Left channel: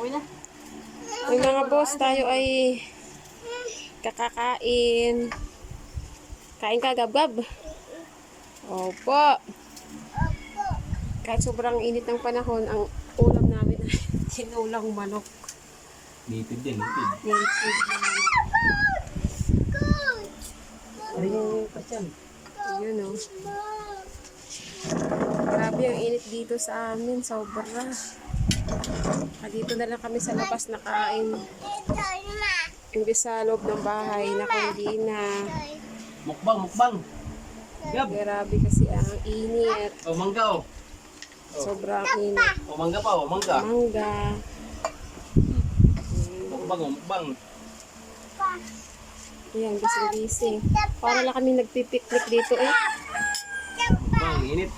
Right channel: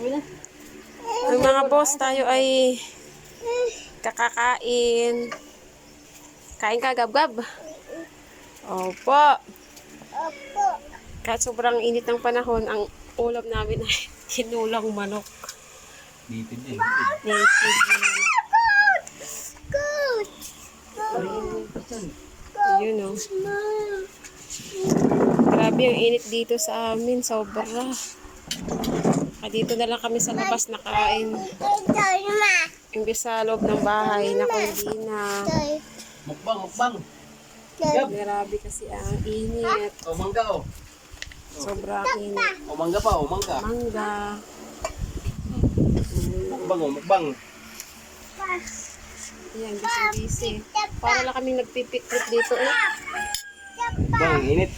Ang mga boss, tayo ay kakakain. Kain ka, gab-gab? Opo. Kahit sobrang init ng panahon, ang ulam namin ay tinulang manok. Native din. Native na manok. Yun o. Grabe ang init dito sa amin, sobra. Dito na lang kami sa labas nakain. Imbis sa loob ng bahay, naku hindi na. Mukbang. Grabe kasi ang init. Oh, mangga oh. Sobrang init. Oh, mangga pa oh, mangga. Mangga. Mukbang. Ayan, busy. Para lang kami nagpipiknik dito eh. Mukbang, init.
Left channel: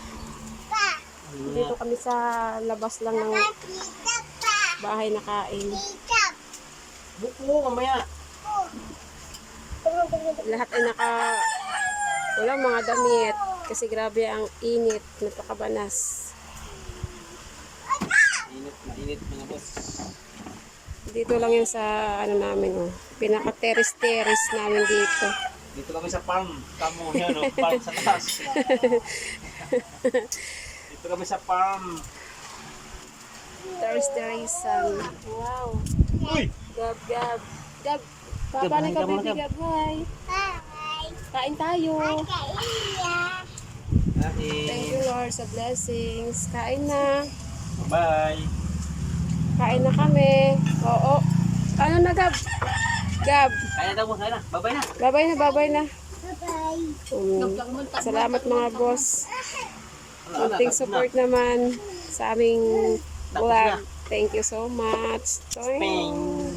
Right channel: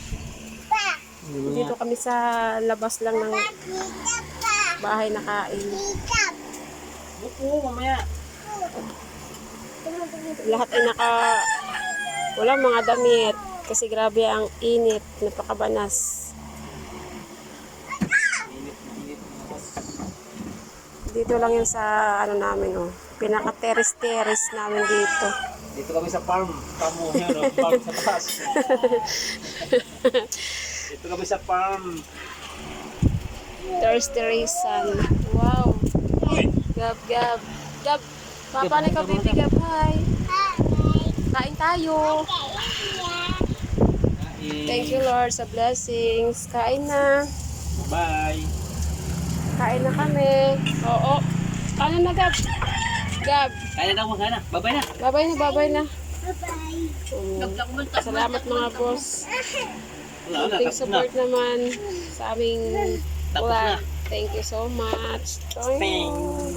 Dito kami sa labas lang ng bahay nakain. Buko, mamaya. Lahat ay walang mga damit kasi grabe ang init, napakabanas. Init mga boss. Dito lang yun sa ano namin oh, pinaka-terrace namin dito. Dito kami sa farm. Tamo here, oh, farm sa taas. Dito kami sa farm. Terrace. Wow. Gab. Papa na ka baby Gab. Hi. Kain tayo. Thank you Lord sa blessings. Kain na. Bye. Kain na kami. Oo. Ano na Gab? Kaya na daw mo, kaya na. Bye-bye na. Babay na. Salamat mga boss. Konting support naman sa aming Tapos vlog. na. Thank you so much. Bang.